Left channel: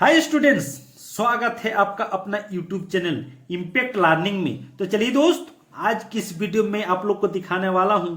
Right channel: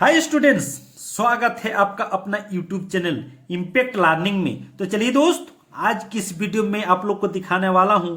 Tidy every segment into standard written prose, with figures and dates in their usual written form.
Hi students, स्वागत है आपका अपना यूट्यूब चैनल इम्पैक्ट लर्निंग में। तो चलिए दोस्त, आज की इस वीडियो में आप लोग को दिखाने वाला हूं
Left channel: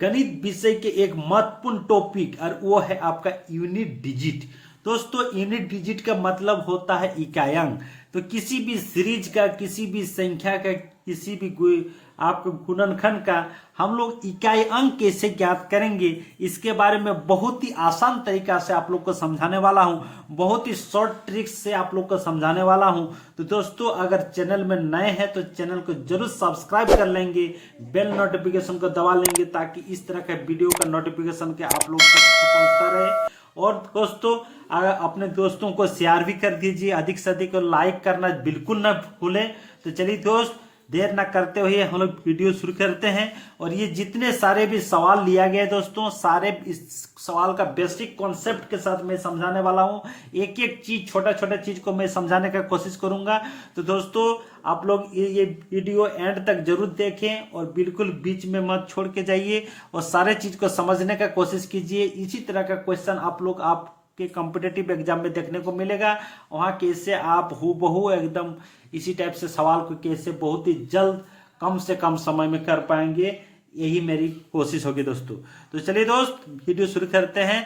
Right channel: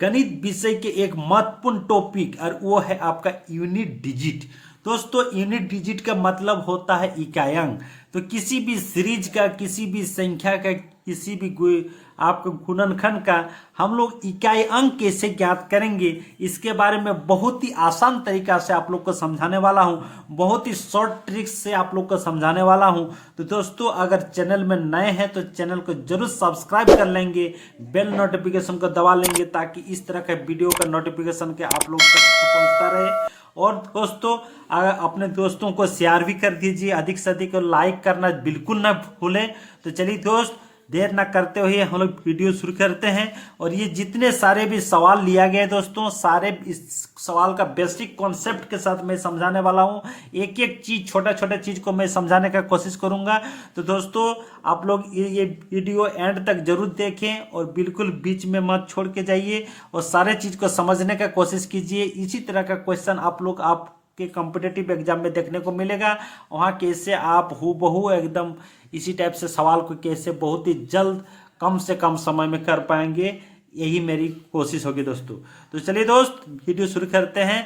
गणित विषय के एक महत्वपूर्ण टॉपिक, और वो है आपका यूनिट डिजिट। दोस्तों, यूनिट डिजिट का मतलब होता है इकाई। तो किसी भी सीरीज का, किसी भी संख्या का, किसी भी आपके गुणनखंड का हम लोग इकाई अंक कैसे ज्ञात करेंगे, इसके बारे में बहुत ही आसान तरीका से आप लोग को समझाने वाला हूं। बहुत ही शॉर्ट ट्रिक्स से आप लोग को समझाने वाला हूं। तो दोस्तों, अगर चैनल में नए हैं तो चैनल को जरूर सब्सक्राइब कर लेंगे, बेल नोटिफिकेशन को दबा लेंगे, ताकि इस तरह का वीडियो का नोटिफिकेशन के आप लोग तक पहुंचता रहे। और दोस्तों, अपने दोस्तों को शेयर भी कर दीजिए, अधिक से अधिक लाइक करना बिल्कुल ना भूलें। तो चलिए दोस्त, देर ना करते हुए हम लोग वीडियो शुरू करते हैं। और ये जितने सारे भी सवाल लिया गया है दोस्तों, सारे इस सवाल का बेसिक कॉन्सेप्ट के साथ मैं समझाने वाला हूं। एक एक चीज, छोटा छोटा चीज को मैं समझाने का कोशिश करूंगा। तो दोस्तों, आप लोग ये वीडियो एंड तक जरूर देखें और बिल्कुल बीच में मत छोड़ के जाइए, और सारे चीज को समझने का कोशिश कीजिए। इसी तरह का क्वेश्चन आप लोग के कॉम्पिटिटिव एग्जाम में देखने को मिलेगा। वहां कैसे आप हूबहू एकदम इसी टाइप से सवाल को कैसे बहुत ही जल्द, कम से कम समय में कर पाएंगे, यही मेरी कोशिश होगी दोस्तों। तो चलिए दोस्त, वीडियो शुरू करते हैं।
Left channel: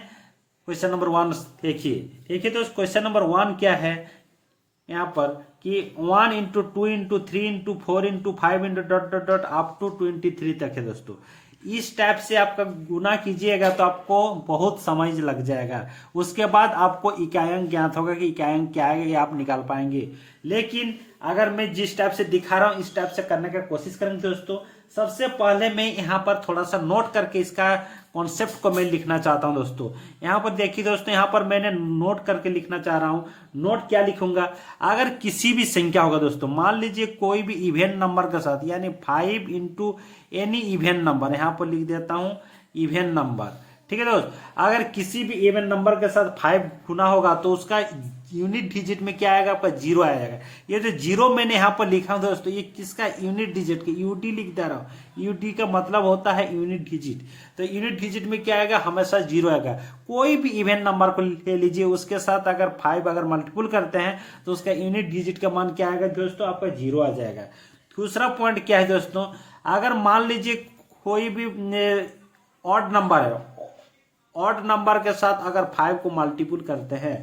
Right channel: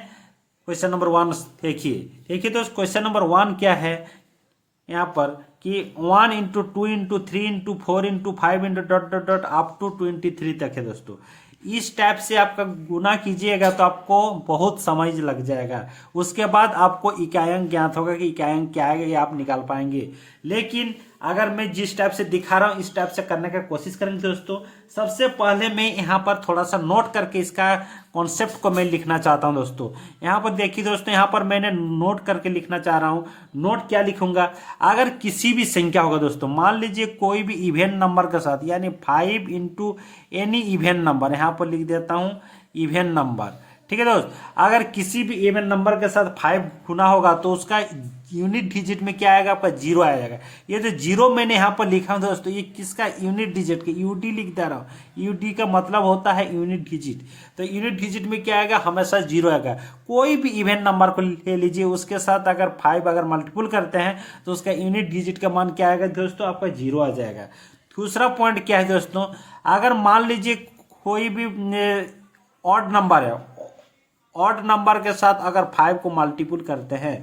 क्वेश्चन नंबर 1 देखिए दोस्त, क्वेश्चन नंबर 1 क्या है यहाँ पर कि 1 into 2 into 3 into 4 into 5 into dot dot dot up to 23 तक है दोस्तों। इस टाइप से आपका गुना कीजिएगा तो आपको बहुत समझ लग जाएगा। उसके बाद आपको इकाई ज्ञात होगा कि इकाई क्या है, ये आप निकाल पाएंगे। लेकिन अगर मैं जिस टाइप से दिखा रहा हूं इस टाइप से करने का कोशिश करेंगे दोस्तों। सबसे पहले मैं यहाँ पर थोड़ा सा नोट करके इसका कॉन्सेप्ट को मैं लिखना चाहता हूं दोस्तों। यहाँ पर देखिए दोस्तों, यहाँ पर मैंने नोट करके लिखना चाह रहा हूं। नोट क्या लिखूंगा, अगर किसी भी संख्या होगा दोस्तों, मान लीजिए कोई भी इवेन नंबर के साथ, यानी 5 इंटू एनी इवेन नंबर, यहाँ पर लिख देता हूं इवेन नंबर। ठीक है दोस्त, अगर किसी भी इवेन नंबर के साथ 5 गुना होगा तो उसका यूनिट डिजिट में क्या आएगा, आपका 0 आ जाएगा। ये जो 0 मैंने यहाँ पर लिखा हूं दोस्तों, ये किसका यूनिट डिजिट का, यूडी लिख दे रहा हूं। यूडी का मतलब होता है यूनिट डिजिट। तो यूनिट डिजिट में क्या आएगा, हमेशा 0 आएगा। कोई भी इवेन नंबर को ले लीजिए, उसके साथ अगर 5 अगर मल्टीपल करते हैं तो उसका यूनिट डिजिट का मान क्या आएगा दोस्तों, आपका 0 आ जाएगा। दूसरा पॉइंट क्या है दोस्तों, अगर मान लीजिए कोई भी ऑड नंबर है, ऑड नंबर के साथ अगर 5 को मल्टीपल करते हैं,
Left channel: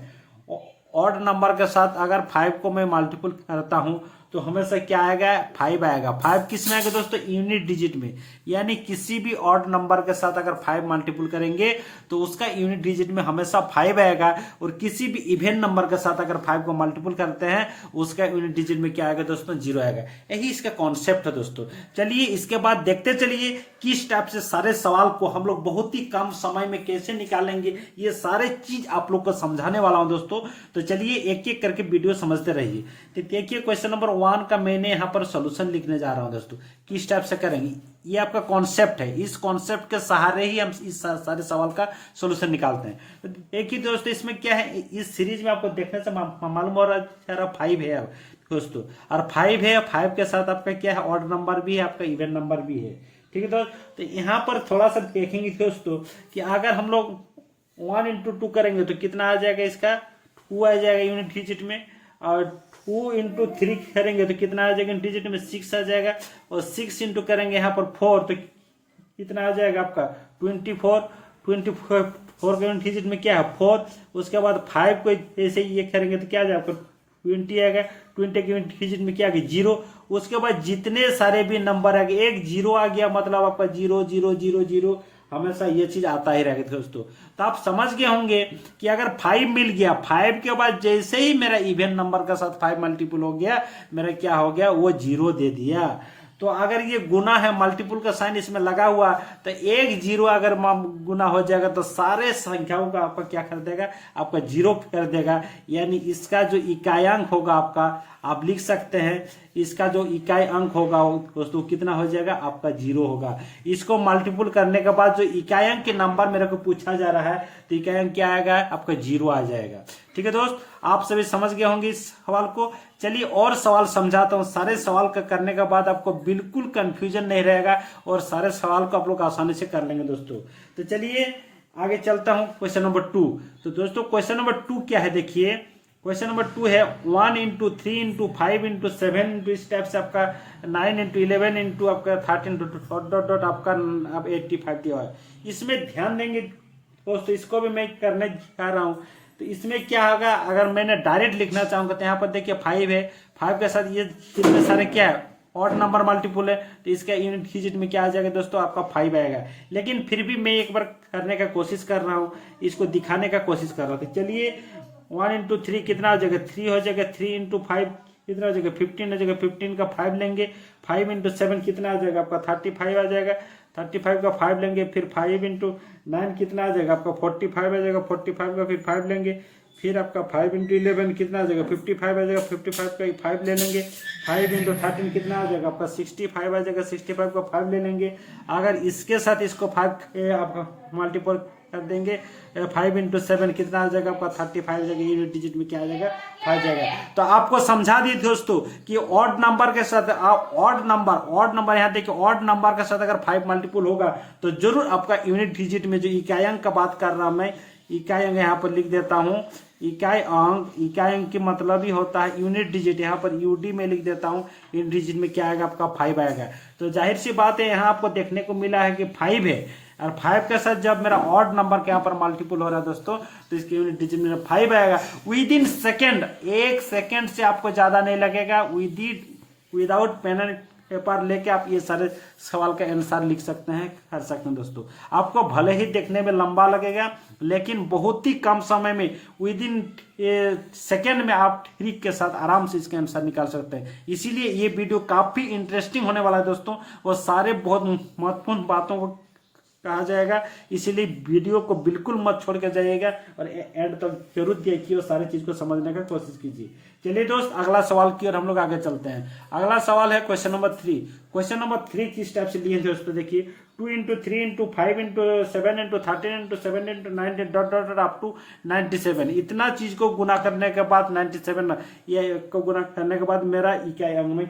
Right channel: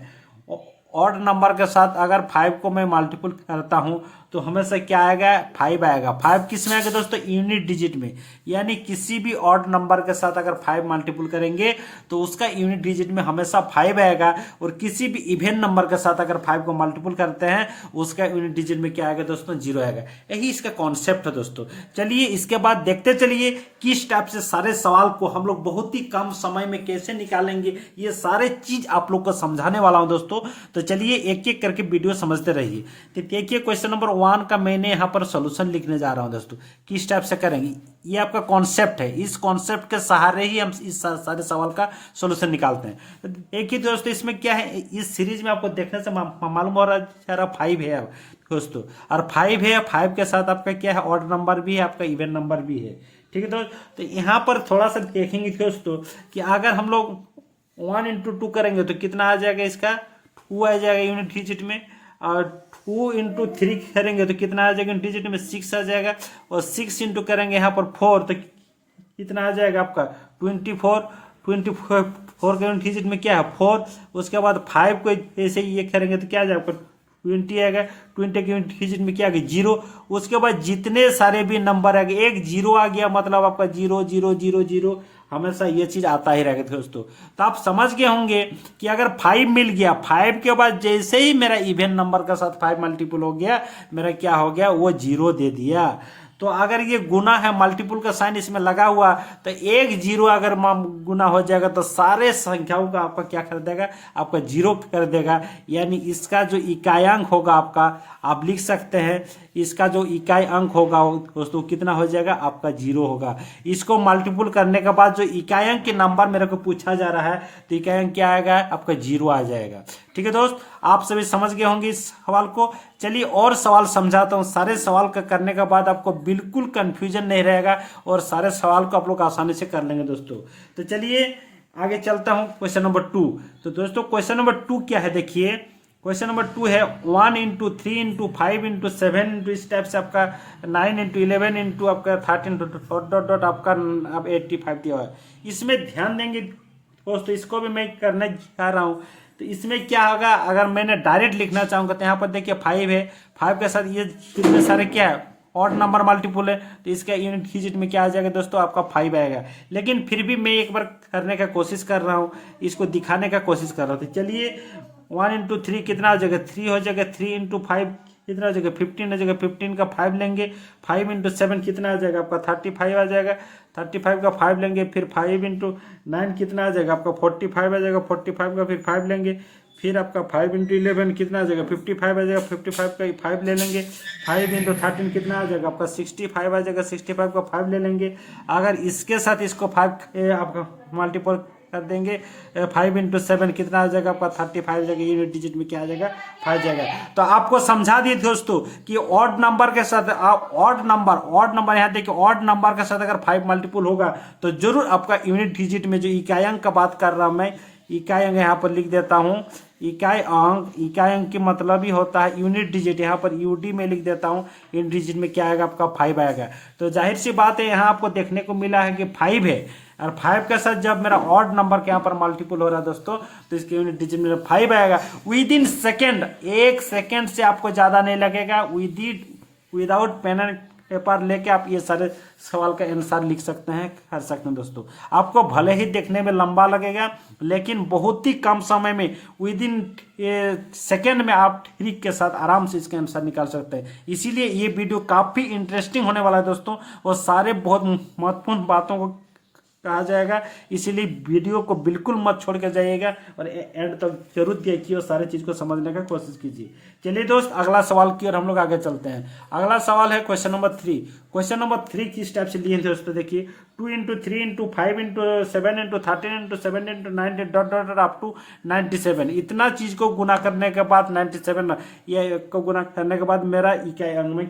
ऑड नंबर के साथ अगर 5 को मैं मल्टीपल करता हूं तो हमेशा क्या आएगा, 5 आएगा। 5 किस में आएगा दोस्तों, यूनिट डिजिट में। यानी किसी भी ऑड नंबर के साथ अगर 5 मल्टीपल करेंगे तो उसका यूनिट डिजिट में हमेशा 5 आएगा। और किसी भी इवेन नंबर के साथ अगर 5 को मल्टीपल करते हैं उसका यूनिट डिजिट में क्या आएगा दोस्तों, 0 आएगा। यही इसका कॉन्सेप्ट है दोस्तों। चलिए इसके बाद देखते चलिए किस टाइप से सारे सवाल को हम लोग बहुत ही कम समय में कैसे निकालेंगे, ये सारे चीज आप लोग को समझाने वाला हूं दोस्तों। तो चलिए एक एक करके वीडियो समझते रहिए। तो देखिए, क्वेश्चन नंबर 1 का मैंने यहाँ पर सोल्यूशन लिखने जा रहा हूं दोस्तों। किस टाइप से करेंगे, ये आपका कॉन्सेप्ट है। इस कॉन्सेप्ट के सहारे ही हम इस सारे सवाल का सोल्यूशन निकालते हैं। तो देखिए दोस्तों, इसमें क्या है, इस सीरीज में आपको देखने से मालूम हो रहा है 5 है दोस्तों, और 5 है। 5 के साथ आपका क्या है, ऑड नंबर भी है, आपका इवेन नंबर भी है। ठीक है दोस्तों, तो यहाँ पर थोड़ा सा देखेंगे दोस्तों कि अगर हम लोग 1 इंटू 2 करेंगे तो कितना आ जाएगा, इसका 2 आ जाएगा यूनिट डिजिट में। और 2 इंटू 3 करेंगे तो कितना आ जाएगा डिजिट में, 6 आ जाएगा। और 6 इंटू करेंगे यहाँ पर 4 तो कितना आ जाएगा आपका 24। 24 के डिजिट में क्या है, 4। उसके बाद 5 को ऐसे ये करेंगे तो क्या आ जाएगा, 20 आएगा। 20 के डिजिट में क्या आ गया, 0। उसके बाद जितने सारे भी नंबर आ गए, एक 0 आ गया मतलब आपका 0 0 0 0, हमेशा ये चीज आता ही रहेगा दोस्तों। तो आप समझ गए होंगे कि अगर 5 मिल गया, 5 के बाद जैसे ही मेरा इवेन नंबर के साथ 5 मल्टीपल हो गया, मेरा क्या हो गया, वो 0 दे दिया। तो अगर ये गुना है, मल्टीपल का साइन इसमें लगा हुआ, तो एक 0 अगर गुना हो जाएगा तो सारे संख्याओं का आपका क्या कर देगा, आपका 0 कर देगा। यानी इसका जो इकायांक होगा आपका, आप लिख सकते हैं इसका जो इकाई अंक होगा दोस्तों कितना हो जाएगा, आपका 0 होगा। इसको मल्टीपल करने के बाद जो इकाई अंक के नंबर मेरे को पूछा जा रहा है तो इकाई अंक क्या आएगा, आपका 0 आ जाएगा। ठीक है दोस्त, आप सभी समझ गए होंगे इस सवाल को। चलिए और सवाल समझाता हूं। सारे सवाल का करने के बाद आपको बिल्कुल कंफ्यूजन नहीं रहेगा और सारे सवाल को आप लोग आसानी से कर लेंगे दोस्तों। तो चलिए आगे चलता हूं, क्वेश्चन नंबर 2। तो दोस्तों क्वेश्चन नंबर 2 क्या है, देखिए क्वेश्चन नंबर 2 है 1 इंटू 3 इंटू 5 इंटू 7 इंटू इस टाइप से आपका 9 इंटू 11 इंटू आपका 13 डॉट डॉट डॉट आपका अब 85 दिया है। इसमें ध्यान देंगे दोस्तों, इसको भी मैं करने जा रहा हूँ। तो इसमें क्या होगा, अगर मैंने डायरेक्ट लिखना चाहूँगा तो यहाँ पर देखिए 5 है, 5 के साथ ये कितने सारे क्या है ऑड नंबर मल्टीपुल है, तो इसका यूनिट डिजिट में क्या आ जाएगा दोस्तों, आपका 5 आएगा। लेकिन फिर भी मैं एक बार करने का कोशिश कर रहा हूँ, इसको दिखाने का कोशिश कर रहा हूँ। तो चलिए 1 इंटू 3 कितना हो जाएगा, 3 हो जाएगा। 3 इंटू 5 कितना हो जाएगा, 15 हो जाएगा। 15 का 5 लेंगे। 5 इंटू 7 कितना आ जाएगा आपका 35 आ जाएगा। 35 का 5 लेंगे। फिर 5 इंटू 9 कितना आ जाएगा आपका 45 आ जाएगा। 45 का फिर 5 लेंगे। फिर आपका 5 इंटू 11 कितना आ जाएगा 55 आ जाएगा। 55 का 5 ले लेंगे। 5 इंटू 13 कितना आ जाएगा आपका 65 आ जाएगा। 65 का 5 ले लेंगे। अगर इसके साथ इसको 5 आपका मल्टीपल कर देंगे, 5 इंटू 7 कितना आ जाएगा आपका 35 आ जाएगा। यूनिट डिजिट में क्या आ जाएगा 5 जाएगा। तो आपको समझा दिए दोस्तों कि ऑड नंबर के साथ ऑड नंबर यहाँ देखिए, ऑड नंबर के साथ अगर 5 मल्टीपल होगा तो जरूर आपका यूनिट डिजिट में, जो इकाई अंक का बात कर रहा हूं मैं, इकाई अंक यहाँ पर लिख देता हूं। इकाई अंक की मतलब ही होता है यूनिट डिजिट, यहाँ पर यूडी में लिख देता हूँ। यूनिट डिजिट में क्या आएगा आपका 5 आएगा। तो जाहिर सी बात है यहाँ आपको देखने को मिला है कि 5 है, और 5 के साथ जब मेरा ऑड नंबर के यहाँ पर मल्टीपल हो रहा है दोस्तों, तो इसके यूनिट डिजिट में 5 आएगा। विद इन सेकेंड, 1 सेकेंड से आपको ज्यादा नहीं लगेगा। विदाउट पेन एंड पेपर लेके आप ये सारे सवाल का आंसर लिख सकते हैं, कर सकते हैं दोस्तों। आपको भले ही देखने में लंबा लगेगा, लेकिन बहुत ही कम समय में, विद इन सेकेंड में आप ट्रिक के साथ आराम से इसका आंसर निकाल सकते हैं। इसीलिए ये वीडियो काफी इंटरेस्टिंग होने वाला है दोस्तों, और सारे बहुत महत्वपूर्ण बातों को कहा जाएगा। इसीलिए वीडियो को बिल्कुल मत छोड़ कर जाइएगा, और एंड तक जरूर देखिए और सारे चीज को समझने का कोशिश कीजिए। चलिए दोस्त, अगला सवाल की ओर हम लोग आगे चलते हैं। अगला सवाल है क्वेश्चन नंबर 3। क्वेश्चन नंबर 3 किस टाइप से लिए हैं दोस्तों, देखिए 2 into 3 into 5 into 7 into 13 into 7 into 9 dot dot up to 97। इतना चीज को गुना करने के बाद 97 ये को गुना करने के बाद मेरा इकाई अंक में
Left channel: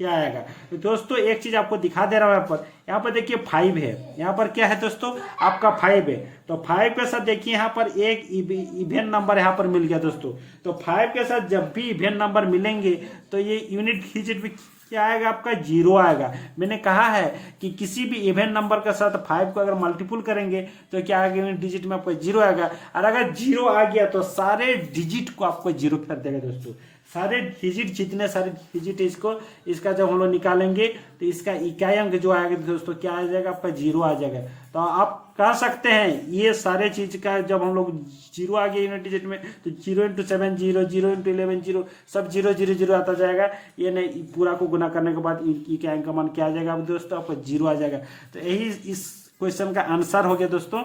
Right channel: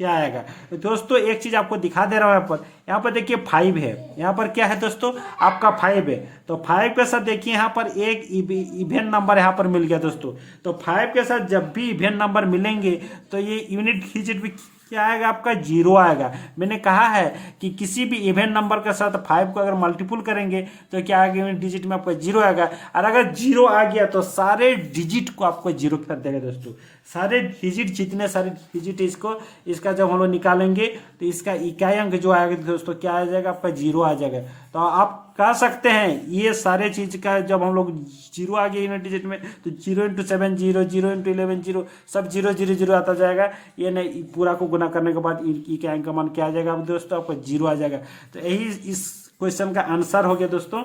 क्या आएगा। तो दोस्तों एक चीज आपको दिखा दे रहा हूं, यहाँ पर देखिए 5 है, यहाँ पर क्या है दोस्तों आपका 5 है। तो 5 के साथ देखिए यहाँ पर एक इवेन नंबर यहाँ पर मिल गया दोस्तों। तो 5 के साथ जब भी इवेन नंबर मिलेंगे तो ये यूनिट डिजिट भी क्या आएगा आपका 0 आएगा। मैंने कहा है कि किसी भी इवेन नंबर के साथ 5 को अगर मल्टीपल करेंगे तो क्या आएगा, यूनिट डिजिट में आपका 0 आएगा। और अगर 0 आ गया तो सारे डिजिट को आपको 0 कर देगा दोस्तों। सारे डिजिट, जितने सारे डिजिट इसका जब हम लोग निकालेंगे तो इसका इकाई अंक जो आएगा दोस्तों क्या आ जाएगा आपका 0 आ जाएगा। तो आप कह सकते हैं ये सारे चीज का जब हम लोग 0 आ गया यूनिट डिजिट में, तो 0 इंटू 7 0, 0 इंटू 11 0, सब 0 0 0 आता जाएगा। ये नहीं, पूरा को गुना करने के बाद इकाई अंक का मान क्या आ जाएगा दोस्तों आपका 0 आ जाएगा। तो यही इस क्वेश्चन का आंसर हो गया दोस्तों।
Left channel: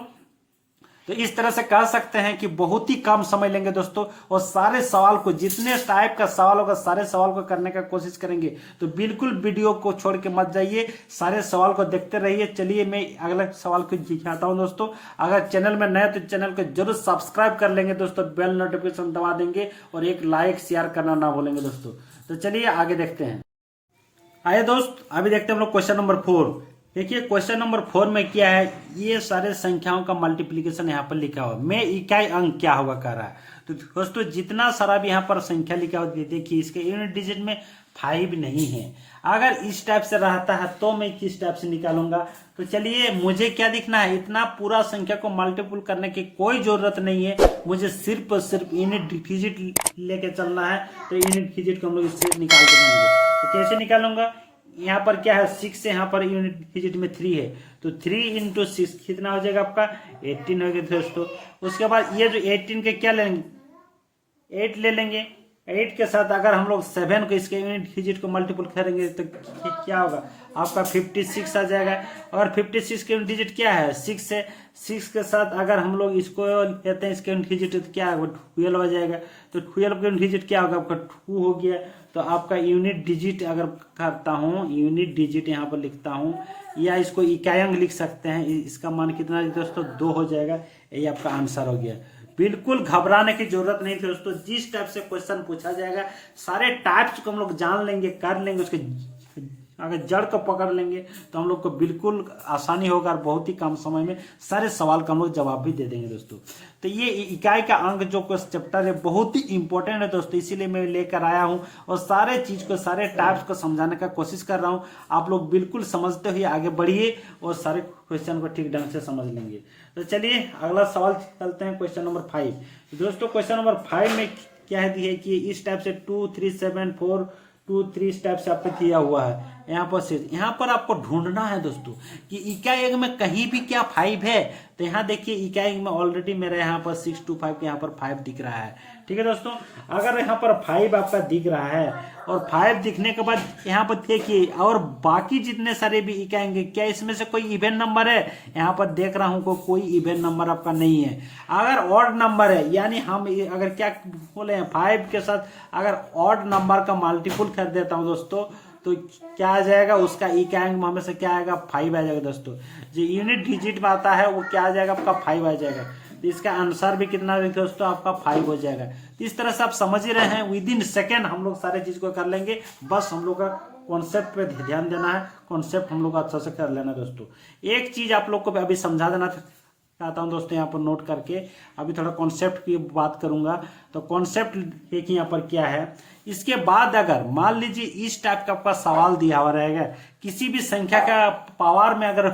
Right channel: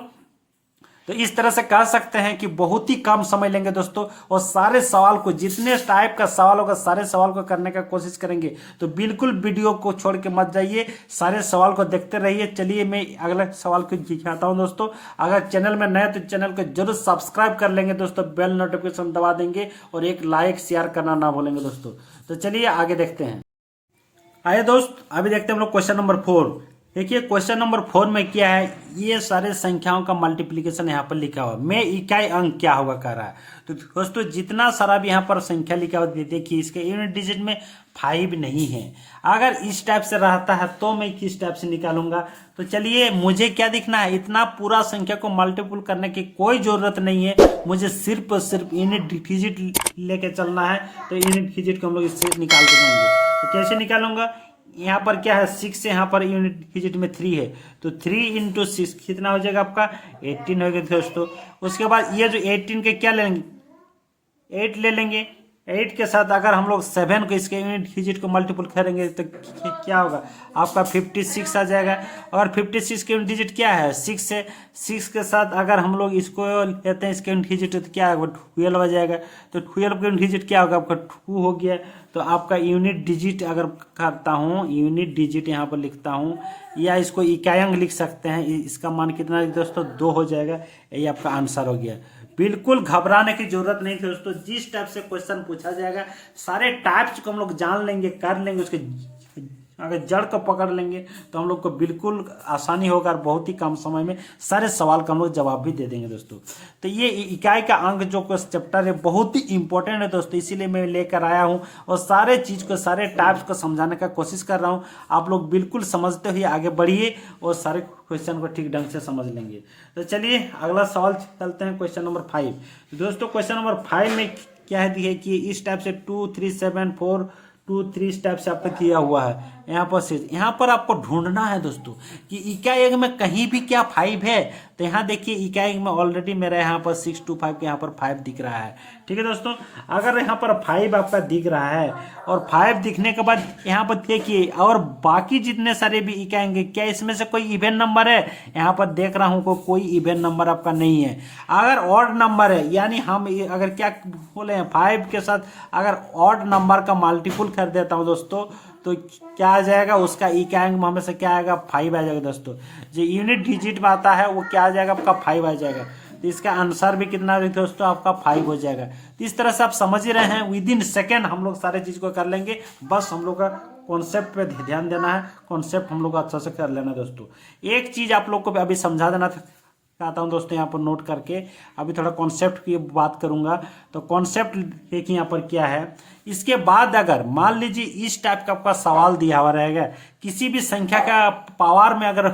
तो इस तरह से कह सकते हैं कि बहुत ही कम समय लेंगे दोस्तों, और सारे सवाल को, जितने टाइप का सवाल होगा सारे सवाल को करने का कोशिश करेंगे। तो बिल्कुल वीडियो को छोड़ के मत जाइए, सारे सवाल को देखते रहिए। चलिए मैं अगले सवाल को दिखाता हूं दोस्तों। अगर चैनल में नए तो चैनल को जरूर सब्सक्राइब कर लेंगे दोस्तों, बेल नोटिफिकेशन दबा देंगे, और एक लाइक शेयर करना ना भूलेंगे दोस्तों। तो चलिए आगे देखते हैं। आइए दोस्त, अभी देखते हैं हम लोग क्वेश्चन नंबर 4। देखिए क्वेश्चन नंबर 4 में क्या है, ये सारे संख्याओं का मल्टीप्लिकेशन यहाँ पर लिखा हुआ में इकाई अंक क्या होगा कह रहा है। तो दोस्तों जितना सारा भी यहाँ पर संख्या लिखा हुआ देखिए, इसके यूनिट डिजिट में 5 नहीं है। अगर इस टाइप से रहता है तो मैं किस टाइप से निकालूंगा। तो चलिए, मुझे क्या दिखना है, इतना पूरा संख्या को मल्टीपल करने की कोई जरूरत नहीं है, मुझे सिर्फ और सिर्फ यूनिट डिजिट लेके चलना है। तो यूनिट डिजिट को हम लोग इससे निकाल देंगे। तो कैसे निकालूंगा, यहाँ पर क्या है 6 है, यहाँ पर यूनिट डिजिट में 3 है, तो 3 इंटू 6 कितना हो जाएगा आपका 18 हो गया दोस्तों। उसके बाद ये जो 18 के क्या लेंगे, 8 ले लेंगे। 8 के साथ अगर हम लोग 7 को इसके यूनिट डिजिट को मल्टीपल करेंगे तो क्या होगा आपका 56 आ जाएगा। और 56 के यूनिट डिजिट क्या है 6 है। 6 के साथ अगर हम लोग इसको लेते हैं इसके यूनिट डिजिट तो क्या होगा 12 आ जाएगा। तो 12 का यूनिट डिजिट क्या होगा आपका 2 हो गया। तो आपका यूनिट डिजिट अगर करता हूँ, यूनिट डिजिट यहाँ पर लिखता हूँ, या इसको इकाई अंक लिख सकते हैं, इसका मान कितना है दोस्तों 2 हो जाएगा। यही आपका आंसर हो गया। बिल्कुल घबराने की जरूरत नहीं दोस्तों, जिस टाइप से क्वेश्चन पूछा जाएगा सारे टाइप्स को हम लोग जान लेंगे, कर लेंगे, उसके अगर जड़ को पकड़ लेंगे तो हम लोग को बिल्कुल आसानी होगा और बहुत ही कम समय में सारे सवाल का हम लोग जवाब भी दे देंगे दोस्तों। तो ये इकाई का अंक जो चैप्टर है बहुत ही इंपॉर्टेंट है दोस्तों, इसीलिए मैं लेकर आया हूँ और सारे चीज को सारे टाइप्स को समझाने का कोशिश कर रहा हूँ। आप लोग बिल्कुल समझते हुए आगे बढ़िए और सारे क्वेश्चन को ठीक ढंग से समझ लेंगे। तो चलिए अगला सवाल चलते हैं, क्वेश्चन नंबर 5। दोस्तों क्वेश्चन नंबर 5 में क्या है कि इस टाइप से 2 3 7 4 2 3 इस टाइप से आपको दिया हुआ है। यहाँ पर आपको ढूंढना है दोस्तों कि इकाई अंक में कहीं भी क्या 5 है। तो यहाँ देखिए इकाई अंक में ऑलरेडी मेरा यहाँ पर 6 2 5 यहाँ पर 5 दिख रहा है। ठीक है दोस्तों, अगर यहाँ पर 5 आपका दिख रहा है और 5 दिखने के बाद यहाँ पर देखिए और बाकी जितने सारे भी इकाई अंक, क्या इसमें से कोई इवेन नंबर है? यहाँ पर देख रहा हूँ कोई इवेन नंबर आपका नहीं है। अगर ऑड नंबर है यानी हम अगर क्या बोले हैं 5 के साथ अगर ऑड नंबर का मल्टीपल कर देता हूँ दोस्तों तो क्या आ जाएगा, उसका इकाई अंक में से क्या आएगा 5 आ जाएगा दोस्तों। जो यूनिट डिजिट में आता है वो क्या आ जाएगा आपका 5 आ जाएगा। तो इसका आंसर भी कितना है दोस्तों आपका 5 हो जाएगा। तो इस तरह से आप समझ ही रहे हैं, विद इन सेकेंड हम लोग सारे चीज को कर लेंगे। बस हम लोग का कॉन्सेप्ट पे ध्यान देना है, कॉन्सेप्ट हम लोग अच्छा से कर लेना दोस्तों। एक चीज आप लोग को अभी समझा देना चाहता हूँ दोस्तों, यहाँ पर नोट करके अभी थोड़ा कॉन्सेप्ट की बात करूंगा। तो कॉन्सेप्ट देखिए यहाँ पर क्या है। इसके बाद अगर मान लीजिए इस टाइप का आपका सवाल दिया हुआ रहेगा, किसी भी संख्या का पावर में अगर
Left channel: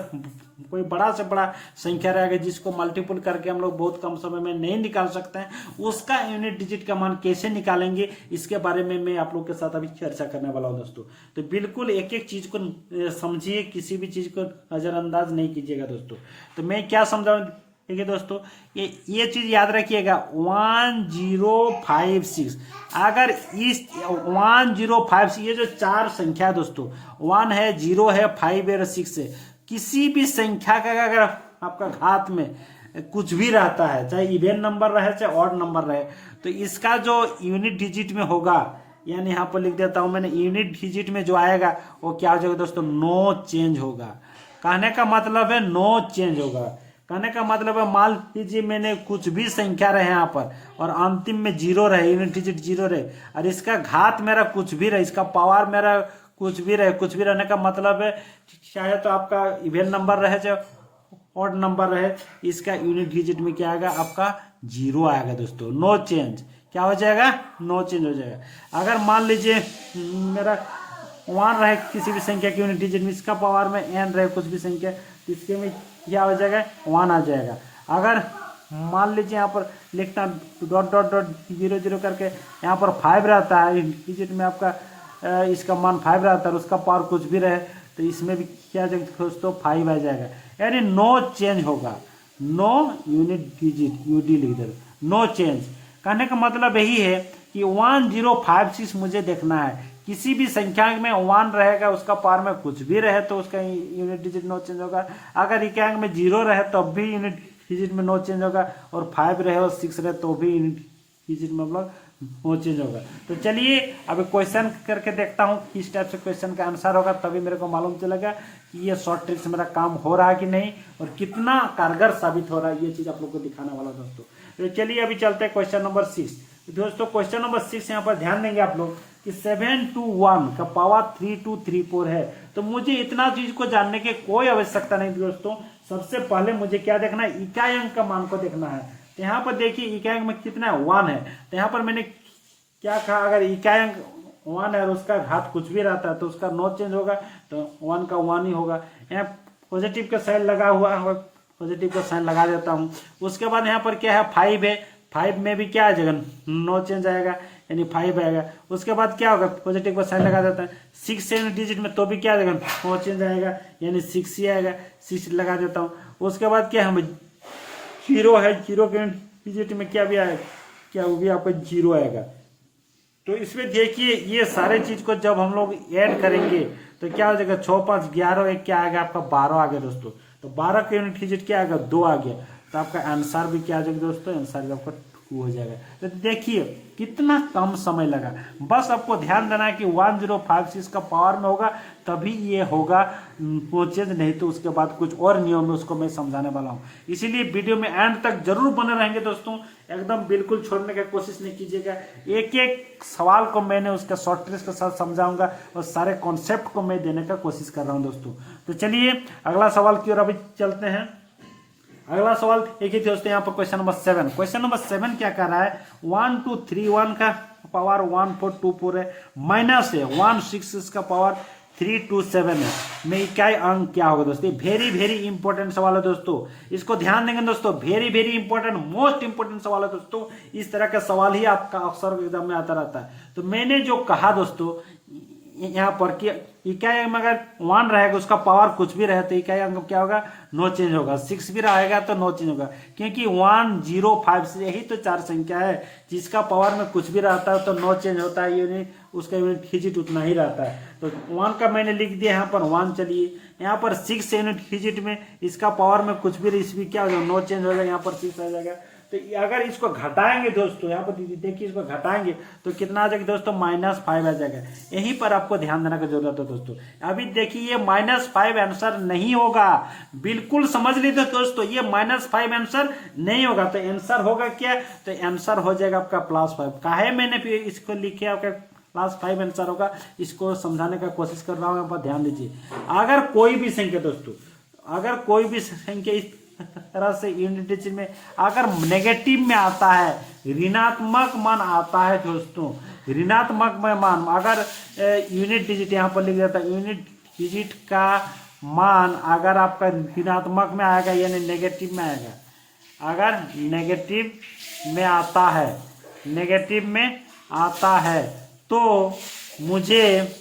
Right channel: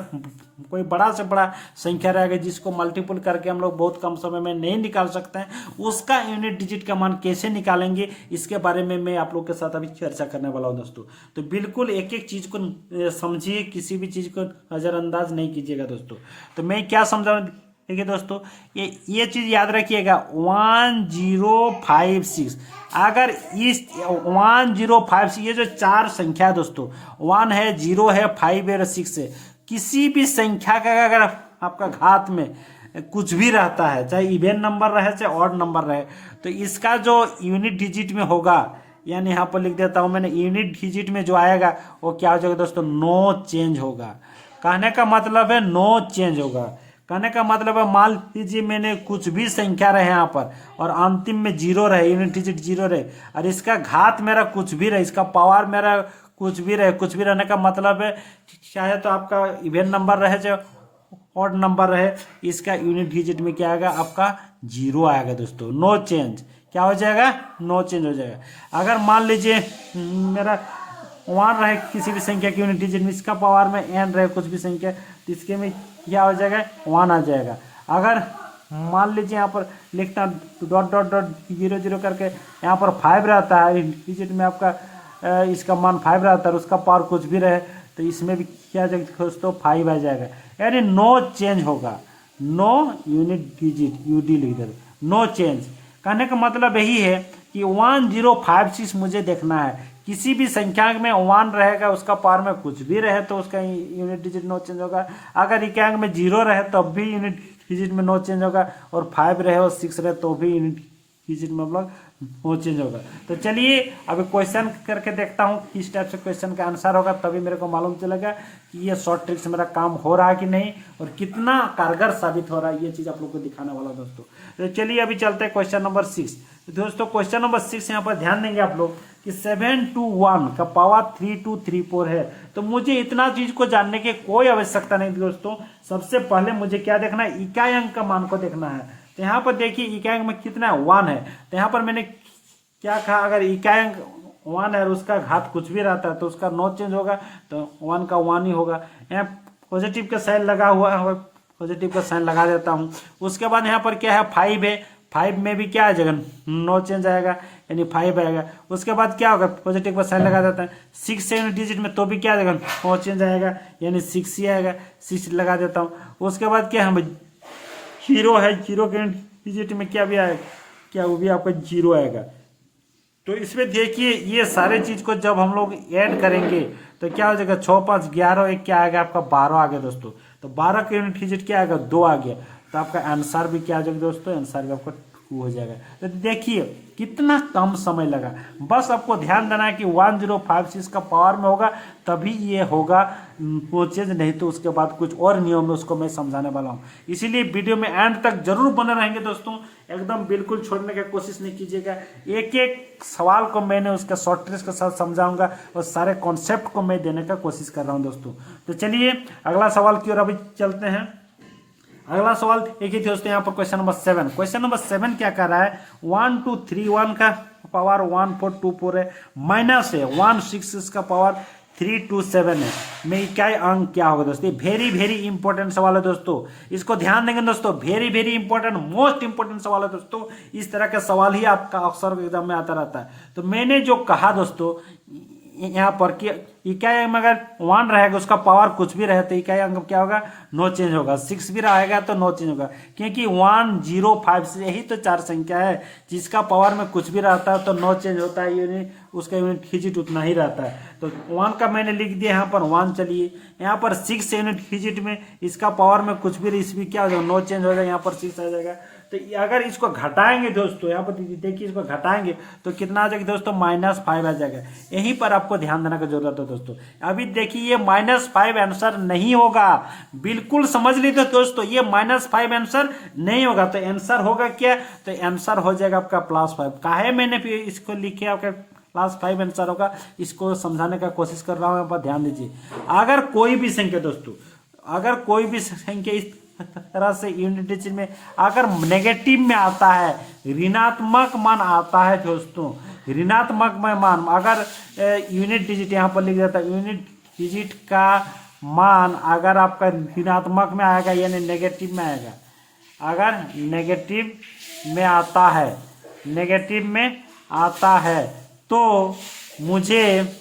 कोई बड़ा से बड़ा संख्या रहेगा जिसको मल्टीपल करके हम लोग बहुत कम समय में नहीं निकाल सकते हैं, उसका यूनिट डिजिट का मान कैसे निकालेंगे इसके बारे में मैं आप लोग के साथ अभी चर्चा करने वाला हूं दोस्तों। तो बिल्कुल एक एक चीज को समझिए, किसी भी चीज को नजरअंदाज नहीं कीजिएगा दोस्तों। तो मैं क्या समझा देखिए दोस्तों, ये चीज याद रखिएगा 1056। अगर इस 1056 ये जो 4 संख्या है दोस्तों, 1 है 0 है 5 है 6 है, किसी भी संख्या का अगर आपका घात में कुछ भी रहता है, चाहे इवेन नंबर रहे चाहे ऑड नंबर रहे, तो इसका जो यूनिट डिजिट में होगा, यानी यहाँ पर लिख देता हूं मैंने, यूनिट डिजिट में जो आएगा वो क्या हो जाएगा दोस्तों, नो चेंज होगा। कहने का मतलब है नो चेंज होगा। कहने का मतलब है मान लीजिए मैंने कुछ भी संख्या रहे यहाँ पर और अंतिम में 0 रहे, यूनिट डिजिट 0 रहे और इसका घात मेरा कुछ भी रहे, इसका पावर मेरा कुछ भी रहे, कुछ भी रहने का मतलब है चाहे तो आपका इवेन नंबर रहे चाहे ऑड नंबर रहे, इसका यूनिट डिजिट में क्या आएगा आपका 0 आएगा दोस्तों। नो चेंज क्या हो जाएगा, नो चेंज हो जाएगा। अगर मान लीजिए मेरा 1 रहे किसी भी संख्या की यूनिट डिजिट में, इसका पावर में n रहे कुछ भी संख्या, इसके में क्या हो जाएगा 1 आ जाएगा। अगर मान लीजिए यहाँ पर लिखना डॉट डॉट डॉट 0 0 करके यहाँ पर 5 रहता है डिजिट में आपका, इसका मान 5 रहता है, उसका पावर कुछ भी रहे तो इसमें भी क्या दोस्तों 5 आ जाएगा, यानी नो चेंज होगा। नो यूनिट डिजिट यूडी लिख दे, नो चेंज। कहने का मतलब यही है कि 1056 मुझे देखना है, किसी भी संख्या में 1 रहेगा उसका पावर में कुछ भी रहे तो उसका यूनिट डिजिट नो चेंज होगा। अगर इकाई अंक में 0 रहे तब भी यूनिट डिजिट में नो चेंज होगा और 5 रहे और 6 रहे तो भी यूनिट डिजिट में मतलब नो चेंज होगा। तो चलिए अभी क्वेश्चन करके देखता हूँ किस टाइप से क्वेश्चन का आंसर होगा, तभी मेरे को मालूम चलेगा कि ये शॉर्ट ट्रिक से मेरा काम हो रहा है कि नहीं और कितना कारगर साबित हो रहा है, ये चीज आप लोग को दिखाने वाला दोस्तों। तो चलिए अभी चलते हैं क्वेश्चन नंबर 6। दोस्तों क्वेश्चन नंबर 6 यहाँ पर ध्यान देंगे आप लोग कि 721 का पावर 3234 है। तो मुझे इतना चीज को जानने की कोई आवश्यकता नहीं दोस्तों। सबसे पहले मुझे क्या देखना है, इकाई अंक का मान को देखना है। तो यहाँ पर देखिए इकाई अंक में कितना है 1 है, तो यहाँ पर मैंने क्या कहा, अगर इकाई अंक 1 है और उसका घात कुछ भी रहता है तो उसका नो चेंज होगा, तो 1 का 1 ही होगा। यहाँ पॉजिटिव का साइन लगा हुआ है, पॉजिटिव का साइन लगा देता हूँ। उसके बाद यहाँ पर क्या है 5 है, 5 में भी क्या आ जाएगा नो चेंज आएगा, यानी 5 आएगा। उसके बाद क्या होगा, पॉजिटिव का साइन लगा देता है। 6 से यूनिट डिजिट में तो भी क्या आ जाएगा नो चेंज आएगा, यानी 6 ही आएगा, 6 लगा देता हूँ। उसके बाद क्या हम 0 है, 0 के यूनिट डिजिट में क्या भी आएगा, क्या वो भी आपका 0 आएगा। तो इसमें देखिए ये सारे चीज को जब हम लोग ऐड करेंगे तो क्या हो जाएगा 6 5 11 एक क्या आ गया आपका 12 आ गया दोस्तों। तो 12 के यूनिट डिजिट क्या आएगा 2 आ गया, तो आपका आंसर भी क्या आ जाएगा दोस्तों, आंसर भी आपका हो जाएगा। तो देखिए कितना कम समय लगा, बस आपको ध्यान देना है कि 1056 का पावर में होगा तभी ये होगा, वो चेंज, नहीं तो उसके बाद कुछ और नियम है उसको मैं समझाने वाला हूँ। इसीलिए वीडियो में एंड तक जरूर बने रहेंगे दोस्तों, एकदम बिल्कुल छोड़ने की कोशिश नहीं कीजिएगा। एक एक सवाल को मैंने उसका शॉर्ट ट्रिक्स के साथ समझाऊंगा और सारे कॉन्सेप्ट को मैं देने का कोशिश कर रहा हूँ दोस्तों। तो चलिए अगला सवाल की ओर अभी चलते हैं। अगला सवाल एक ही दोस्तों, यहाँ पर क्वेश्चन नंबर 7। क्वेश्चन नंबर 7 क्या कर रहा है, 1 2 3 1 का पावर 1 4 2 4 है, माइनस है 1 6 का पावर 3 2 7 है, में इकाई अंक क्या होगा दोस्तों। वेरी वेरी इंपॉर्टेंट सवाल है दोस्तों, इसको ध्यान देंगे दोस्तों, very very important, most important सवाल है दोस्तों। इस तरह का सवाल ही आपका अक्सर एग्जाम में आता रहता है। तो मैंने जो कहा दोस्तों यहाँ पर कि इकाई अंक में अगर 1 रहेगा उसका पावर कुछ भी रहे तो इकाई अंक क्या होगा, नो चेंज होगा। 6 भी रहेगा तो नो चेंज होगा, क्योंकि 1 0 5 से यही तो 4 संख्या है जिसका पावर में कुछ भी रहता है तो नो चेंज होता है, यूनिट उसका यूनिट डिजिट उतना ही रहता है। तो 1 का मैंने लिख दिया यहाँ पर 1। चलिए यहाँ पर 6 यूनिट डिजिट में इसका पावर में कुछ भी इसमें क्या हो जाएगा, नो चेंज हो जाएगा, यहाँ पर 6 आ जाएगा। तो अगर इसको घटाएंगे दोस्तों, यहाँ पर देखिए इसको घटाएंगे तो कितना आ जाएगा दोस्तों, -5 आ जाएगा। यहीं पर आपको ध्यान देने की जरूरत है दोस्तों। अभी देखिए ये -5 आंसर नहीं होगा, बिल्कुल समझ लीजिए दोस्तों, ये -5 आंसर नहीं होगा। तो आंसर होगा क्या, तो आंसर हो जाएगा आपका +5। काहे मैंने इसको लिखे आपका +5 आंसर होगा, इसको समझाने का कोशिश कर रहा हूँ, यहाँ पर ध्यान दीजिए। अगर कोई भी संख्या दोस्तों, अगर कोई भी संख्या इस तरह से यूनिट डिजिट में अगर नेगेटिव में आता है, ऋणात्मक मान आता है दोस्तों, ऋणात्मक में मान अगर यूनिट डिजिट यहाँ पर लिख जाता है, यूनिट डिजिट का मान अगर आपका ऋणात्मक में आएगा यानी नेगेटिव में आएगा, अगर नेगेटिव में आता है, नेगेटिव में आता है तो मुझे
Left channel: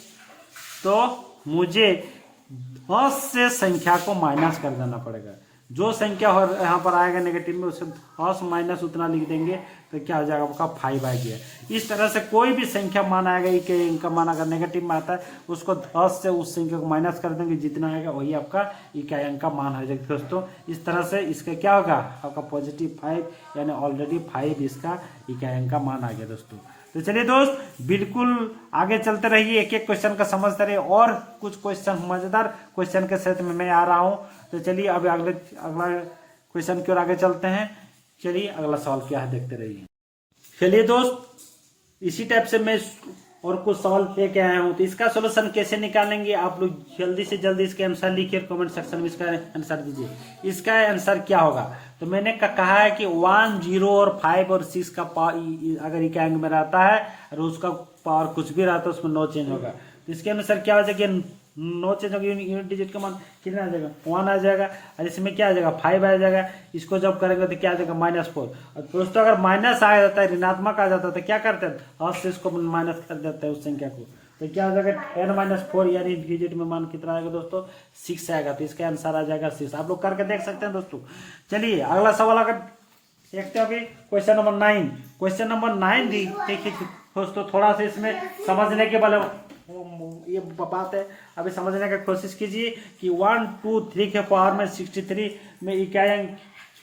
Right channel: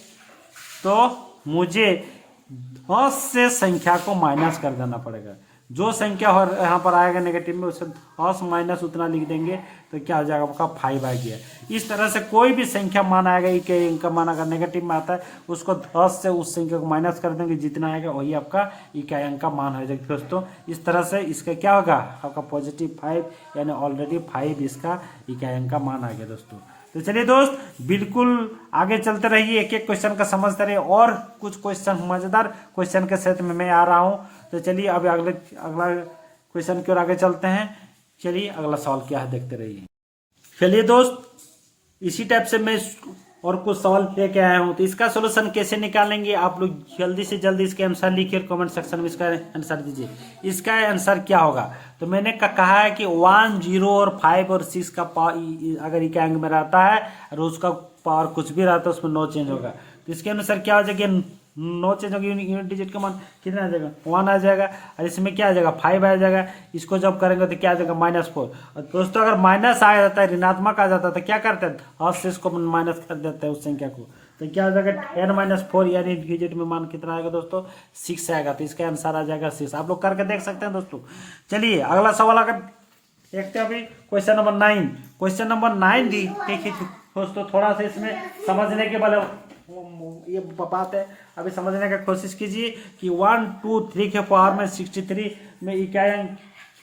10 से संख्या को माइनस कर देना पड़ेगा। जो संख्या यहाँ पर आएगा नेगेटिव में उससे 10 माइनस उतना लिख देंगे तो क्या हो जाएगा आपका 5 आ गया। इस तरह से कोई भी संख्या मान आएगा, इनका मान अगर नेगेटिव में आता है उसको 10 से उस संख्या को माइनस कर देंगे, जितना आएगा वही आपका इकाई अंक का मान हो जाएगा दोस्तों। इस तरह से इसका क्या होगा आपका +5 यानी ऑलरेडी 5 इसका इकाई अंक का मान आ गया दोस्तों। तो चलिए दोस्त बिल्कुल आगे चलते रहिए, एक एक क्वेश्चन का समझते रहिए, और कुछ क्वेश्चन मजेदार क्वेश्चन के सेट में मैं आ रहा हूं। तो चलिए अभी अगला क्वेश्चन की ओर आगे चलते हैं। चलिए अगला सवाल क्या है देखते रहिए। चलिए दोस्त इसी टाइप से मैं और कुछ सवाल लेके आया हूं, तो इसका सोल्यूशन कैसे निकालेंगे आप लोग जल्दी से जल्दी इसके आंसर लिखिए, कमेंट सेक्शन में इसका आंसर दीजिए। इसका आंसर क्या होगा, तो मैंने कहा है कि 1 0 और 5 और 6 का पावर अगर इकाई अंक में रहता है और उसका पावर कुछ भी रहता है उसमें नो चेंज होगा, तो इसके अनुसार क्या हो जाएगा, नो चेंज होगा, यूनिट डिजिट का मान कितना आ जाएगा 1 आ जाएगा, और इसमें क्या आ जाएगा 5 आ जाएगा। इसको जब करेंगे तो क्या आ जाएगा -4। और दोस्तों अगर माइनस आ जाता है, ऋणात्मक आ जाता है तो क्या करते हैं 10 से इसको माइनस कर देता है उस संख्या को, तो क्या आ जाएगा 10 - 4 यानी डिजिट में मान कितना आएगा दोस्तों 6 आएगा। तो इसका आंसर आ जाएगा 6। आप लोग करके देख सकते हैं दोस्तों। चलिए अगला सवाल अगर देखते हैं अभी क्वेश्चन नंबर 9। क्वेश्चन नंबर 9 देखिए दोस्तों, थोड़ा सा इसमें समझने के वाले ये बात है, अभी समझने की कोशिश कीजिए कि 1 2 3 के पावर में 63 में इकाई अंक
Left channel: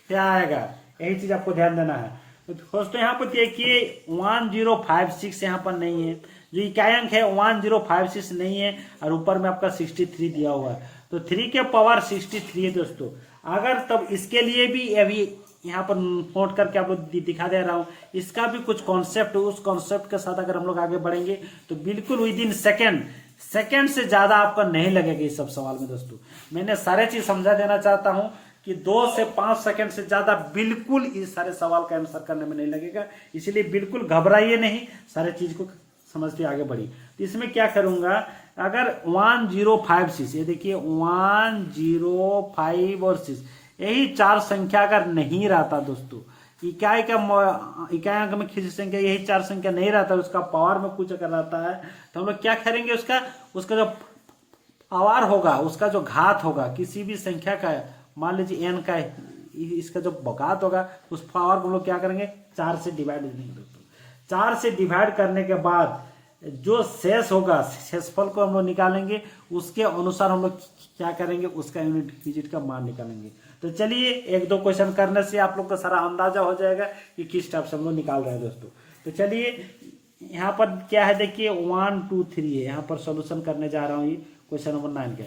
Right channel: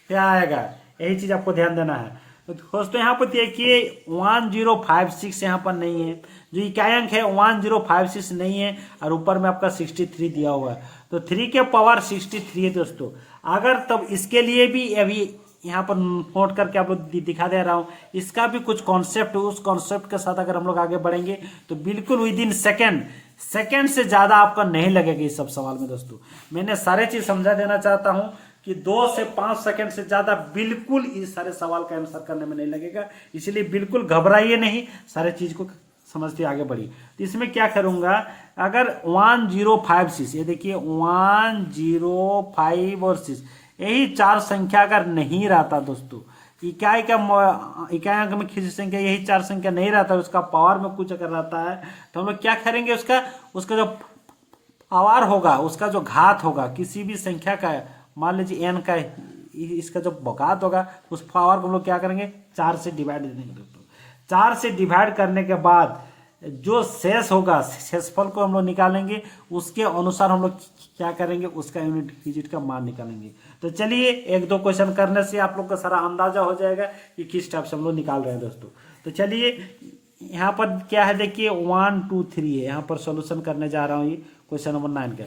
क्या आएगा, यही चीज आपको ध्यान देना है। तो दोस्तों यहाँ पर देखिए 1056 यहाँ पर नहीं है, जो इकाई अंक है 1056 नहीं है, और ऊपर में आपका 63 दिया हुआ है, तो 3 के पावर 63 है दोस्तों। अगर तब इसके लिए भी अभी यहाँ पर नोट करके आप लोग दिखा दे रहा हूँ, इसका भी कुछ कॉन्सेप्ट, उस कॉन्सेप्ट के साथ अगर हम लोग आगे बढ़ेंगे तो बिल्कुल विदिन सेकंड से ज्यादा आपका नहीं लगेगा इस सब सवाल में दोस्तों। मैंने सारे चीज समझा देना चाहता हूँ कि 2 से 5 सेकंड से ज्यादा बिल्कुल इस सारे सवाल का आंसर करने में नहीं लगेगा, इसलिए बिल्कुल घबराइए नहीं, सारे चीज को समझते आगे बढ़िए। तो इसमें क्या करूंगा, अगर 1056 ये देखिए 1056 और 6 यही 4 संख्या अगर नहीं रहता दोस्तों, इकाई अंक में खिंची संख्या यही 4 संख्या नहीं रहता, उसका पावर में कुछ अगर रहता है तो हम लोग क्या करेंगे, उसका जो पावर होगा, उसका जो घात होगा किसी भी संख्या का, मान लीजिए n का इसका जो घात होगा उस पावर को हम लोग क्या करेंगे 4 से डिवाइड करेंगे दोस्तों। 4 से डिवाइड करने के बाद जो शेष होगा, शेषफल को हम लोग निकालेंगे, उसके अनुसार हम लोग क्या करेंगे, उसका यूनिट डिजिट का मान निकालेंगे। तो चलिए एक दो क्वेश्चन करने से आप लोग का सारा अंदाजा हो जाएगा कि किस टाइप से हम लोग निकाल रहे हैं दोस्तों। तो चलिए यहाँ पर क्या है, देखिए 1 2 3 है, यहाँ पर सोल्यूशन करने जा रहा हूँ ये क्वेश्चन नंबर 9 का।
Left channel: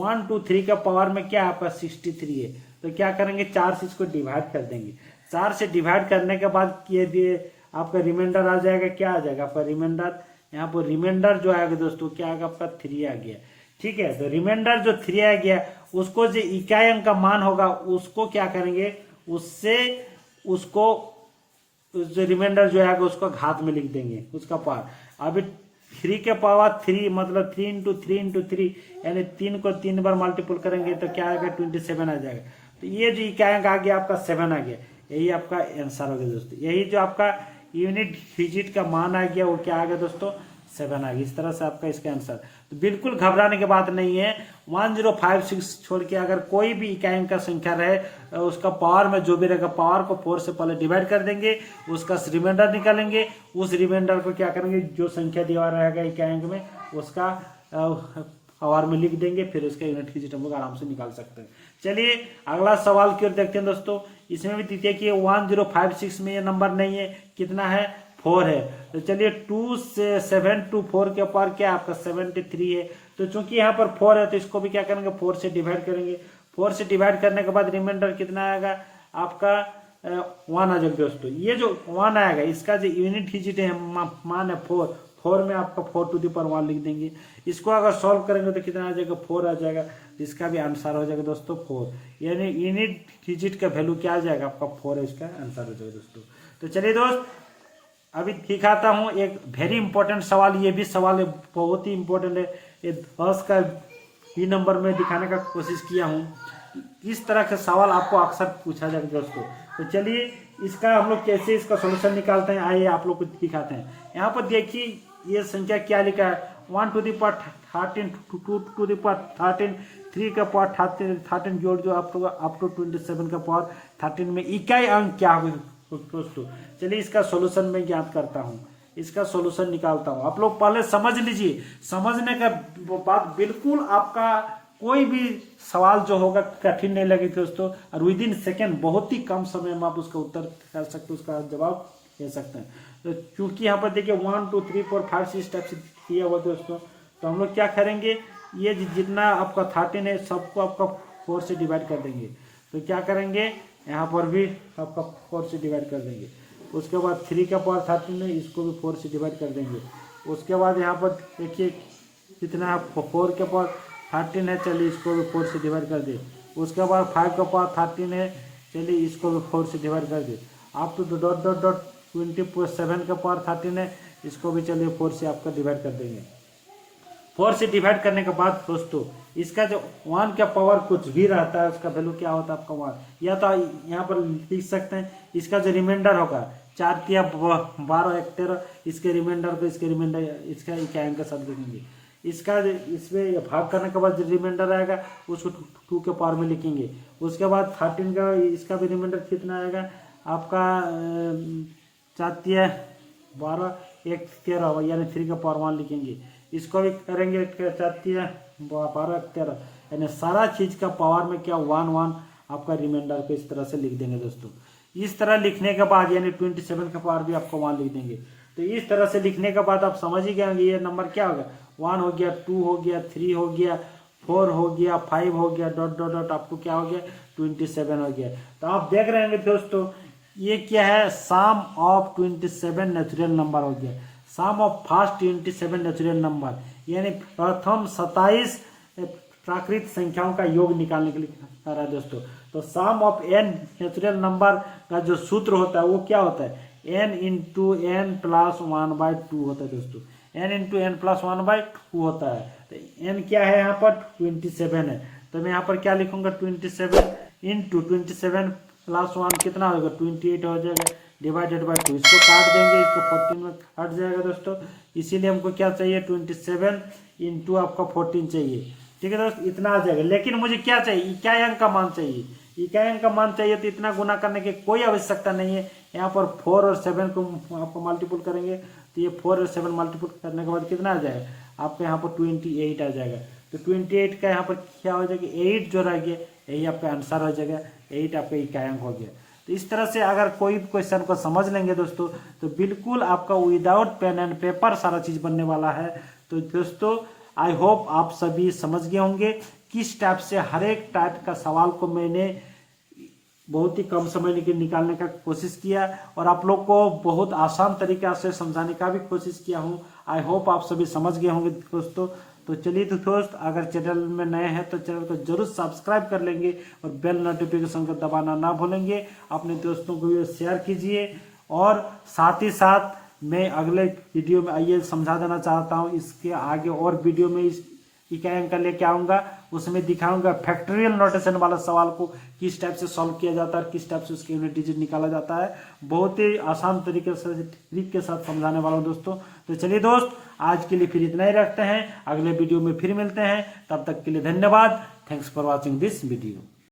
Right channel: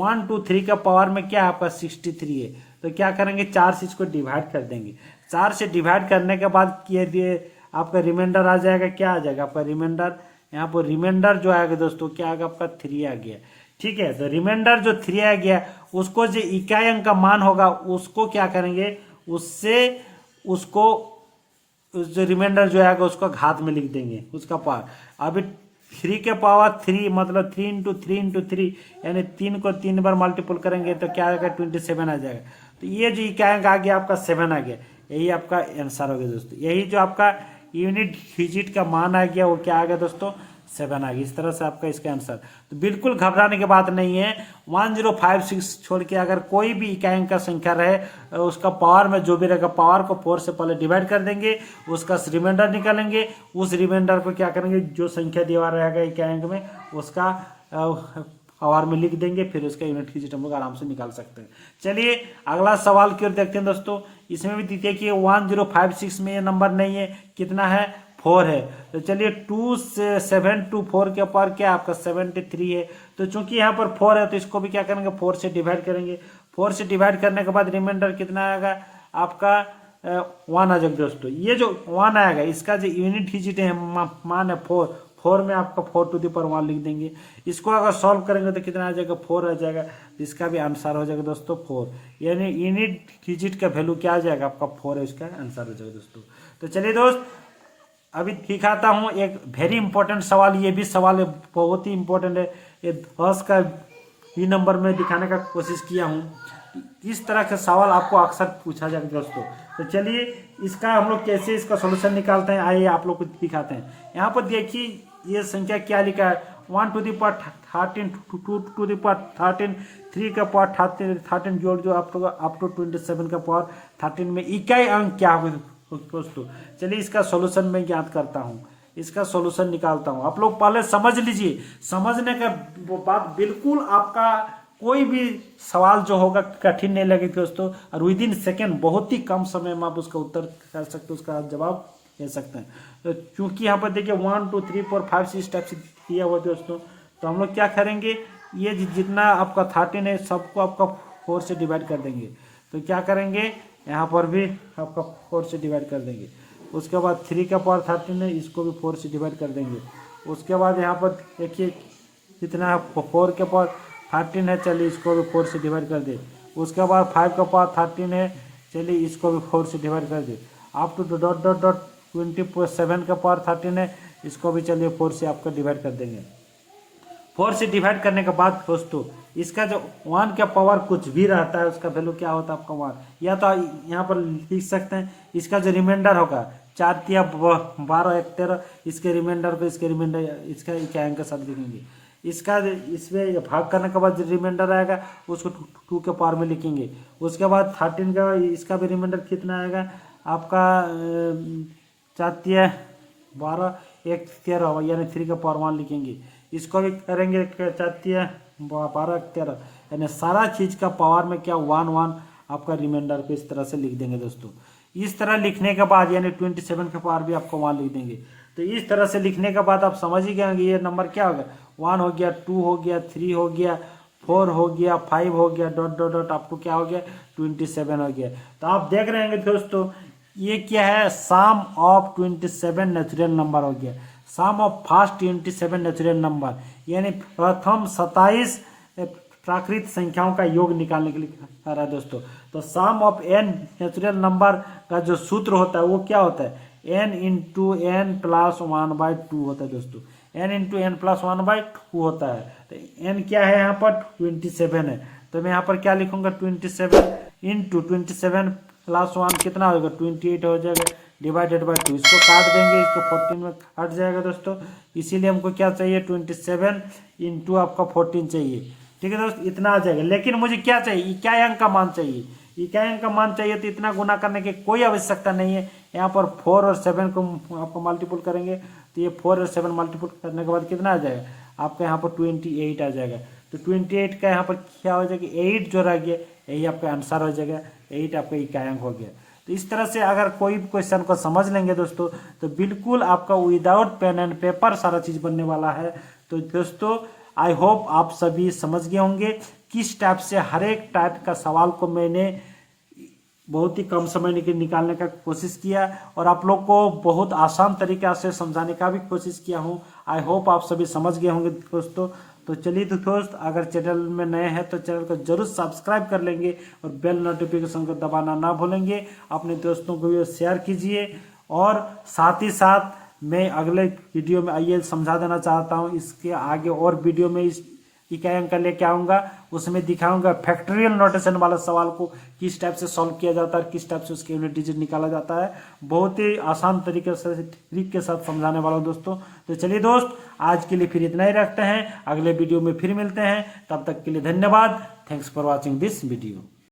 1 2 3 का पावर में क्या है आपका 63 है, तो क्या करेंगे 4 से इसको डिवाइड कर देंगे। 4 से डिवाइड करने के बाद ये आपका रिमाइंडर आ जाएगा, क्या आ जाएगा आपका रिमाइंडर, यहाँ पर रिमाइंडर जो आएगा दोस्तों क्या आएगा आपका 3 आ गया। ठीक है, तो रिमाइंडर जो 3 आ गया उसको जो इकाई अंक का मान होगा उसको क्या करेंगे, उससे उसको जो रिमाइंडर जो आएगा उसको घात में लिख देंगे उसका पावर। अभी 3 के पावर 3 मतलब 3 इंटू 3 इंटू 3 यानी 3 को 3 बार मल्टीपल करेंगे तो क्या आएगा 27 आ जाएगा। तो ये जो इकाई अंक आ गया आपका 7 आ गया, यही आपका आंसर हो गया दोस्तों। यही जो आपका यूनिट डिजिट का मान आ गया वो क्या आ गया दोस्तों 7 आ गया। इस तरह से आपका इसका आंसर। तो बिल्कुल घबराने की बात नहीं है। 1056 छोड़ के अगर कोई भी इकाई अंक का संख्या रहे उसका पावर में जो भी रहेगा पावर को 4 से पहले डिवाइड कर देंगे, उसका रिमाइंडर निकालेंगे, उस रिमाइंडर को क्या करेंगे जो संख्या दिया रहेगा इकाई अंक में उसका पावर में लिख देंगे, फिर उसका यूनिट डिजिट हम लोग आराम से निकाल सकते हैं। चलिए अगला सवाल की ओर देखते हैं दोस्तों। इसमें भी देखिए कि 1056 में ये नंबर नहीं है, कितना है 4 है। तो चलिए 2 से 7 to 4 के पावर क्या आपका 73 है। तो चूंकि यहाँ पर 4 है तो इसको भी क्या करेंगे 4 से डिवाइड करेंगे। 4 से डिवाइड करने के बाद रिमाइंडर कितना आएगा आपका 1 आ जाएगा दोस्तों। ये जो 1 आएगा इसका जो यूनिट डिजिट है मान है 4 में आपका 4 to the power 1 लिख देंगे। इसको अगर सॉल्व करेंगे तो कितना आ जाएगा 4 आ जाएगा। तो इसका भी आंसर हो जाएगा दोस्तों 4, यानी यूनिट डिजिट का वैल्यू क्या आ जाएगा आपका 4 है, इसका आंसर हो जाएगा दोस्तों। तो चलिए दोस्त अभी दिखाता हूँ एक वेरी इंपॉर्टेंट सवाल। ये भी सवाल बहुत ही इंपॉर्टेंट है, ये 10 का बी नंबर में दिखाने का कोशिश किया हूँ। इस तरह का सवाल आपको अक्सर पूछा जाएगा दोस्तों। तो चलिए इसका हम लोग कैसे इसका सॉल्यूशन निकालते हैं आइए आप लोग को दिखाते हैं। यहाँ पर देखिए ये संख्या क्या लिखा है 1 to the power 13 2 to the power 13 3 का पावर 13 जो आप लोग अप टू 27 का पावर 13 में इकाई अंक क्या होगा दोस्तों। चलिए इसका सॉल्यूशन मैं ज्ञात करता हूँ, इसका सॉल्यूशन निकालता हूँ। आप लोग पहले समझ लीजिए, समझने का बात बिल्कुल आपका कोई भी सवाल जो होगा कठिन नहीं लगेगा दोस्तों, और विद इन सेकेंड बहुत ही कम समय में आप उसका उत्तर कर सकते हो, उसका जवाब दे सकते हैं। तो क्योंकि यहाँ पर देखिए 1 2 3 4 5 6 टाइप से किया हुआ दोस्तों, तो हम लोग क्या करेंगे ये जितना आपका 13 है सबको आपका 4 से डिवाइड कर देंगे। तो क्या करेंगे यहाँ पर भी आपका 4 से डिवाइड कर देंगे। उसके बाद 3 का पावर 13 है, इसको भी 4 से डिवाइड कर देंगे। उसके बाद यहाँ पर देखिए कितना 4 के पावर 13 है, चलिए इसको भी 4 से डिवाइड कर दे। उसके बाद 5 का पावर 13 है, चलिए इसको भी 4 से डिवाइड कर दे। आप तो डॉट डॉट डॉट 27 का पावर 13 है, इसको भी चलिए 4 से आपका डिवाइड कर देंगे। 4 से डिवाइड करने के बाद दोस्तों इसका जो 1 का पावर कुछ भी रहता है उसका वैल्यू क्या होता है आपका 1, या तो यहाँ पर लिख सकते हैं इसका जो रिमाइंडर होगा 4 तिया 12 1 13, इसके रिमाइंडर को इसके रिमाइंडर इसका क्या अंक के साथ लिखेंगे। इसका इसमें भाग करने के बाद जो रिमाइंडर आएगा उसको 2 के पावर में लिखेंगे। उसके बाद 13 का इसका भी रिमाइंडर कितना आएगा आपका 4 तिया 12 1 13 यानी 3 का पावर 1 लिखेंगे। इसको भी करेंगे 4 तिया 12 13 यानी सारा चीज का पावर में क्या 1 1 आपका रिमाइंडर को इस तरह से लिख देंगे दोस्तों। इस तरह लिखने के बाद यानी 27 का पावर भी आपको 1 लिख देंगे। तो इस तरह से लिखने के बाद आप समझ ही गए ये नंबर क्या होगा 1 हो गया 2 हो गया 3 हो गया 4 हो गया 5 हो गया डॉट डॉट डॉट आपको क्या हो गया 27 हो गया। तो आप देख रहे हैं दोस्तों ये क्या है सम ऑफ 27 नेचुरल नंबर हो गया, सम ऑफ फर्स्ट 27 नेचुरल नंबर यानी प्रथम 27 प्राकृत संख्याओं का योग निकालने के लिए कर रहा है दोस्तों। तो सम ऑफ n नेचुरल नंबर का जो सूत्र होता है वो क्या होता है n इंटू n प्लस 1/2 होता है दोस्तों। n इंटू n प्लस 1/2 होता है। तो n क्या है यहाँ पर 27 है, तो मैं यहाँ पर क्या लिखूंगा 27 इंटू 27 प्लस 1 कितना होगा 28 हो जाएगा डिवाइडेड बाय 2। इसको काट देंगे, इसको 14 में कट जाएगा दोस्तों। इसीलिए हमको क्या चाहिए 27 इंटू आपका 14 चाहिए। ठीक है दोस्तों इतना आ जाएगा। लेकिन मुझे क्या चाहिए इकाई अंक का मान चाहिए, इकाई अंक का मान चाहिए तो इतना गुना करने की कोई आवश्यकता नहीं है। यहाँ पर 4 और 7 को आपको मल्टीपल करेंगे तो ये 4 और 7 मल्टीपल करने के बाद कितना आ जाएगा आपका यहाँ पर 28 आ जाएगा। तो 28 का यहाँ पर क्या हो जाएगा, 8 जो रह गया यही आपका आंसर हो जाएगा, 8 आपका इकाइयांक हो गया। तो इस तरह से अगर कोई भी क्वेश्चन को समझ लेंगे दोस्तों तो बिल्कुल आपका विदाउट पेन एंड पेपर सारा चीज बनने वाला है। तो दोस्तों आई होप आप सभी समझ गए होंगे किस टाइप से हर एक टाइप का सवाल को मैंने बहुत ही कम समय में निकालने का कोशिश किया और आप लोग को बहुत आसान तरीका से समझाने का भी कोशिश किया हूँ। आई होप आप सभी समझ गए होंगे दोस्तों। तो चलिए दोस्त, अगर चैनल में नए हैं तो चैनल को जरूर सब्सक्राइब कर लेंगे और बेल नोटिफिकेशन को दबाना ना भूलेंगे। अपने दोस्तों को ये शेयर कीजिए और साथ ही साथ मैं अगले वीडियो में आइए समझा देना चाहता हूँ, इसके आगे और वीडियो में इस इकाइयांक लेके आऊंगा, उसमें दिखाऊंगा फैक्टोरियल नोटेशन वाला सवाल को किस टाइप से सॉल्व किया जाता है, किस टाइप से उसके यूनिट डिजिट निकाला जाता है। बहुत ही आसान तरीके से ट्रिक के साथ समझाने वाला हूं दोस्तों। तो चलिए दोस्त, आज के लिए फिर इतना ही रखते हैं, अगले वीडियो में फिर मिलते हैं, तब तक के लिए धन्यवाद। Thanks for watching this video.